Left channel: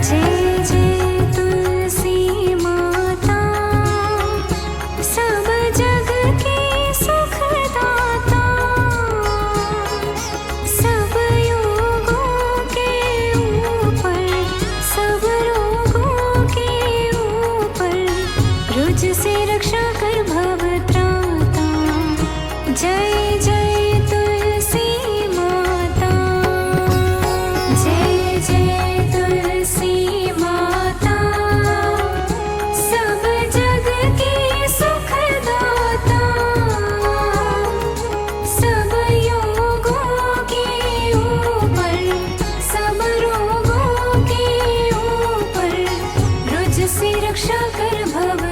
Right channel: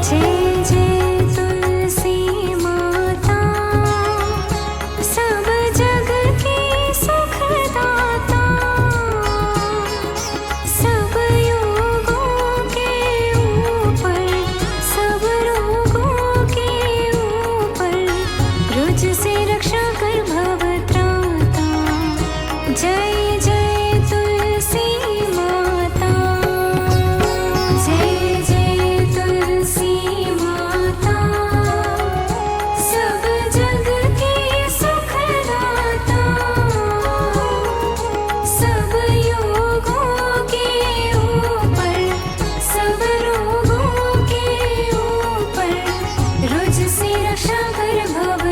जय जय तुलसी माता, सब जग की सुखदाता, सब योगों के ऊपर, सब के ऊपर से रक्षा कर भवत्राता। जय जय रक्षा कर भव